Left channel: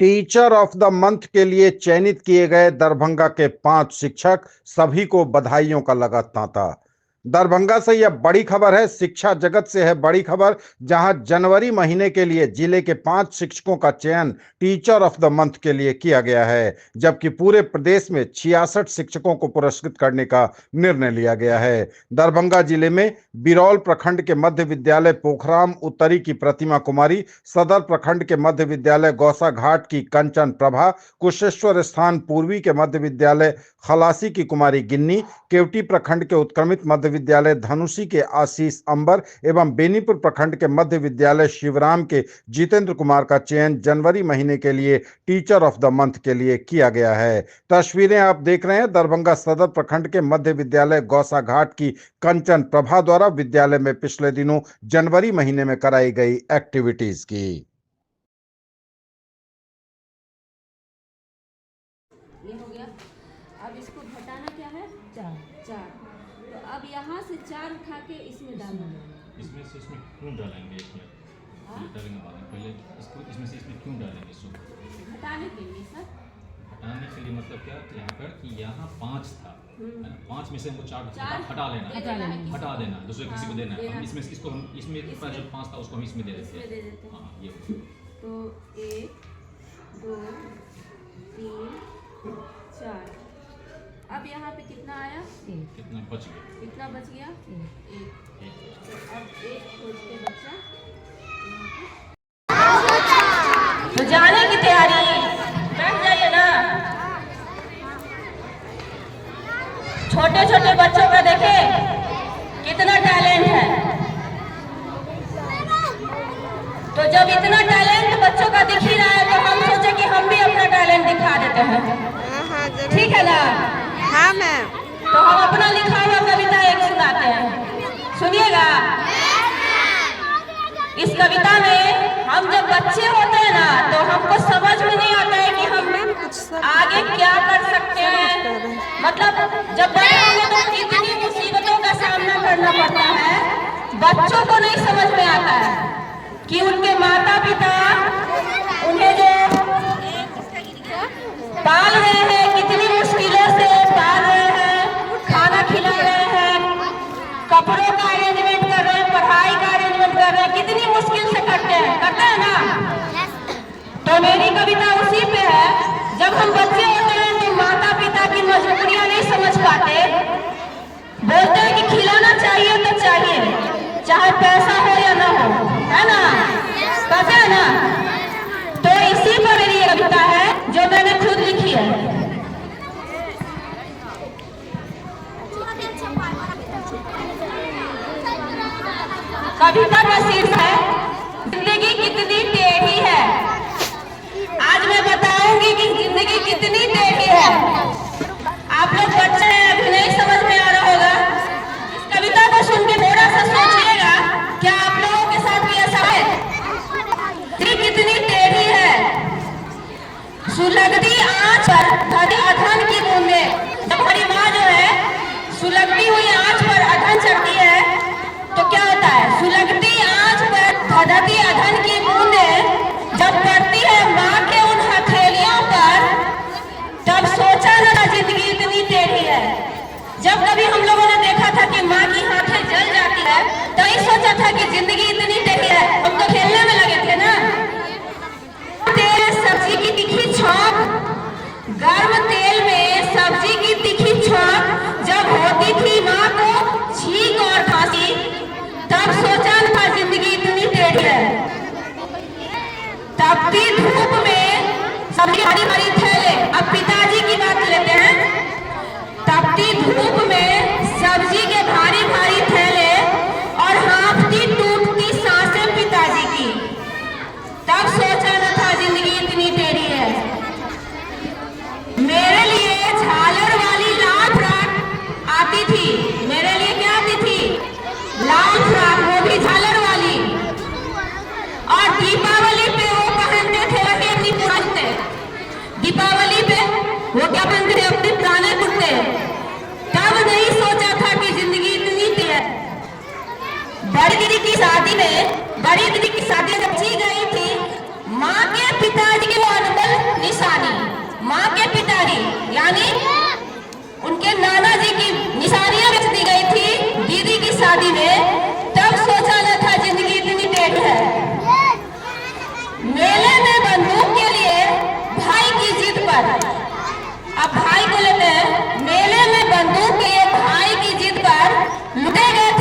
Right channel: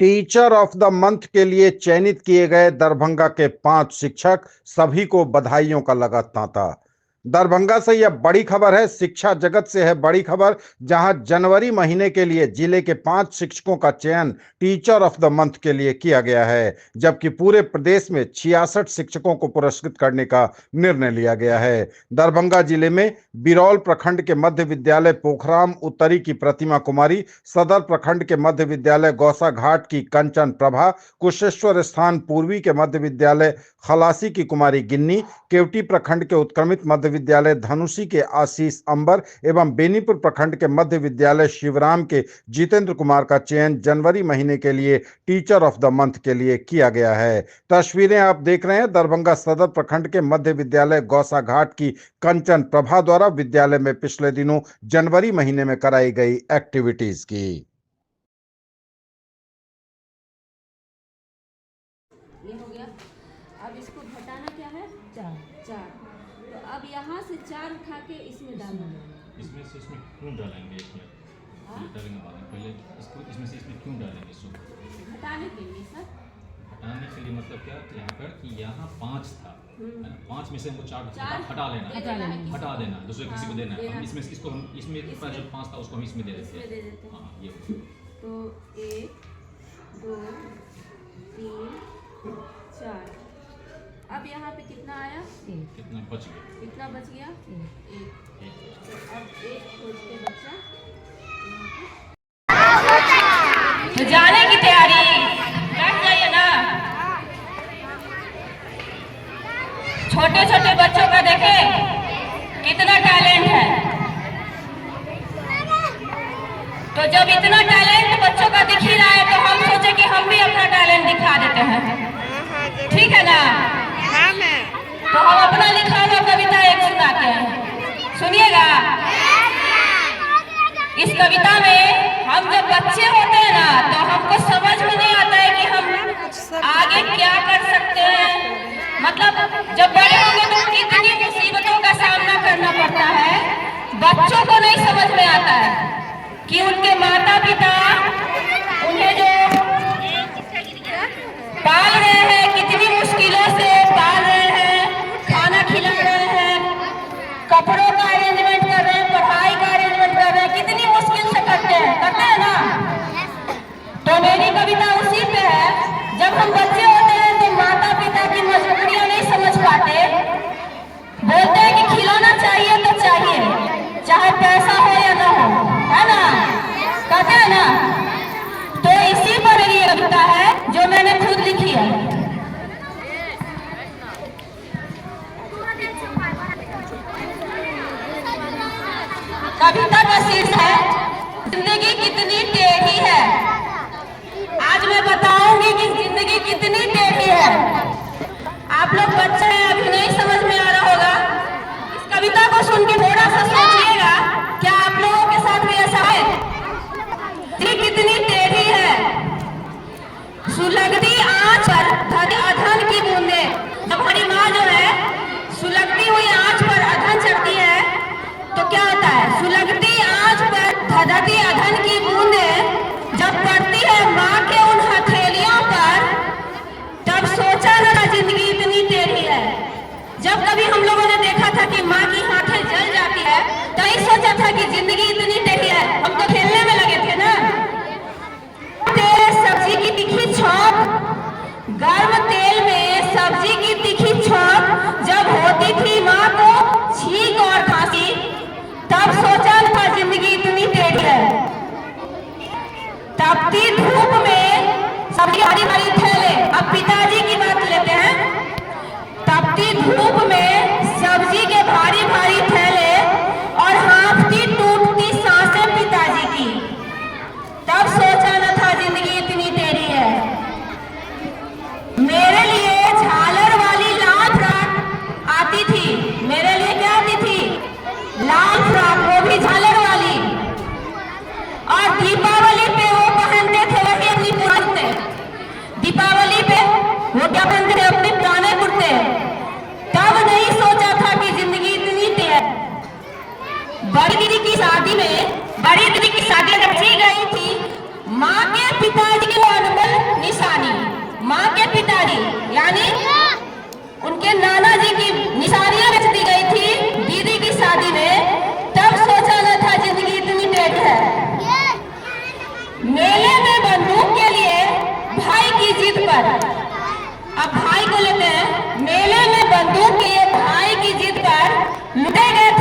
Teacher of the month के लिए चयनित किए गए दरभंगा के 5 शिक्षक, सभी को बधाइयों का लगा तांता। दरभंगा से यह बड़ी खबर है, शिक्षा जगत से है बड़ी खबर, जहां जनवरी महीने के लिए जिले के 5 शिक्षकों का चयन टीचर ऑफ द मंथ के लिए किया गया है, जबकि पूरे प्रदेश में 66 शिक्षकों को पुरस्कृत करने का निर्णय लिया गया है। दरभंगा जिले में बिरौल प्रखंड के मध्य विद्यालय पोखराम उत्तरी की प्रतिमा कुमारी, सदर प्रखंड के मध्य विद्यालय गौसा घाट की कंचन प्रभा, कुशेश्वर स्थान पूर्वी के मध्य विद्यालय खलासी की कुमारी गिन्नी, केवटी प्रखंड के उत्क्रमित मध्य विद्यालय धनुषी के आशीष अंबर एवं बेनीपुर प्रखंड के मध्य विद्यालय शिवराम के जितेंद्र कुमार का चयन जनवरी महीने के लिए टीचर ऑफ द मंथ के लिए किया गया है। तस्वीरें आप देख रहे हैं दरभंगा सदर प्रखंड के मध्य विद्यालय गौसा घाट की कंचन प्रभा द्वारा विद्यालय में पिछले दिनों जनवरी महीने में कराई गई एक्टिविटीज की। ये हो गया। अब इसको घटाना क्या है? 4 4। तो अब यहाँ से 4 उठा के इसमें डालना है। इसमें से इसमें क्यों डालेंगे? इसमें डालेंगे बाद में, पहले इसको इसमें से इसमें क्यों डालेंगे? इसको हटाने के लिए सर। हटाने के लिए मतलब क्या कि यहाँ पर कि यहाँ 5 था, 5 में से हमको 4 हटा लेना है, दूसरे किसी को देना है। हम इसमें इसको हम इसमें जो 5 था उसको हम इसमें दे देते हैं। हाँ ये तो 1 2 3 4। अब यहाँ पे कितना आया? कितना बच गया? कितना बच गया? 1। तो अब 1 खोज के बच्चा तो जाने की तैयारी कर जाइए ना। छोटे छोटे बच्चों का देखे कितना टैलेंट है। तो जब इतना टैलेंट बच्चों का दिख ही रहा है तो हम सोचे कि हम भी अपना टैलेंट दिखा देते हैं। ठीक है ना? हाँ मैम। तो हम अपना लिखा हुआ कविता एक सुनाते हैं, सुनिएगा। इस कविता में हम जब बच्चे होते हैं ना तो हमको समझ में नहीं आता है कि हम आगे क्या कर सकते हैं। मतलब जब बड़े होंगे तो कितनी मुसीबतों का सामना करना पड़ता है, बच्चों को नहीं समझ में आता है कि उनके माता पिता उन्हें जो पाल रहे हैं, कितनी मुश्किलों से पाल रहे हैं, खाना खिला रहे हैं, कपड़ों का अरेंजमेंट कर रहे हैं, पढ़ाई का अरेंजमेंट कर रहे हैं, कितनी मुश्किल से करते हैं ना। तो मेरी कविता उसी पे है। जब हम बच्चे होते हैं तो माता पिता की मजबूरियां नहीं समझ पाते, बोलते हैं कि खिलाना चाहिए तो चाहिए, चाहे पैसा हो या ना हो, है ना? पता है ना? तो इसी पर मेरी कविता है जो मैंने खुद लिखी है। कविता का शीर्षक है जिंदगी कितनी टेढ़ी है। आज मैं बताऊंगी कि जिंदगी कितनी टेढ़ी है। आप लोग बच्चे हैं, अभी नहीं समझ में आ रहा होगा। इस कविता को सुन के थोड़ा सा सोचिएगा, क्या आप लोगों के साथ भी ऐसा है? कितनी टेढ़ी है, सुलगती आंच पर अधन की बूंदे। जब हमारी माँ जो है सुलगती हुई आंच पर अधन चढ़ती है तो क्या होता है? सुलगती आंच पर धधती अधन की बूंदे जब पड़ती है माँ के उन हथेलियों पर, तब सोचा ना जिंदगी इतनी टेढ़ी है। जब कभी हम लोगों ने देखा था कि माँ की हाथें जल जाती है तो ये सोचा था कि जिंदगी इतनी टेढ़ी है। हम तो खेलने में लगे थे ना। सब्जी की तीखी छौंक, गर्म तेल में सब्जी की तीखी छौंक जब होती थी माँ को छींक और खांसी, तब सोचा था जिंदगी इतनी टेढ़ी है। तपती धूप में सब्जी हरी भरी थैले, अब पिताजी की बात लेते हैं। तपती धूप में सब्जी के भारी भारी थैले और हांफती टूटती सांसें पिताजी की, तब सोचा न था जिंदगी इतनी टेढ़ी है। मेरे लिए झालर वाली लाल फ्रॉक आती थी। मेरे लिए क्या आती थी? लाल फ्रॉक, वो भी झालर वाली। और दीपावली पे वो पहनते थे वही अपनी पुराने। दीपावली पे वो क्या पहनते थे? अपने पुराने कुर्ते। तब नहीं सोचा था कि जिंदगी इतनी है। बड़ी दीदी की शादी में रखी गई थी। माँ के पिताजी को अनबल निशानी। माँ के पिताजी यानी उनके नाना जी की निशानियां बेच दी गई थी दीदी की शादी में। तब सोचा न था जिंदगी इतनी टेढ़ है। मेले में बंदूक के लिए भाई की जिद पर, अब भाई को लेते हैं, मेले में बंदूक के लिए भाई की जिद पर लुटे गए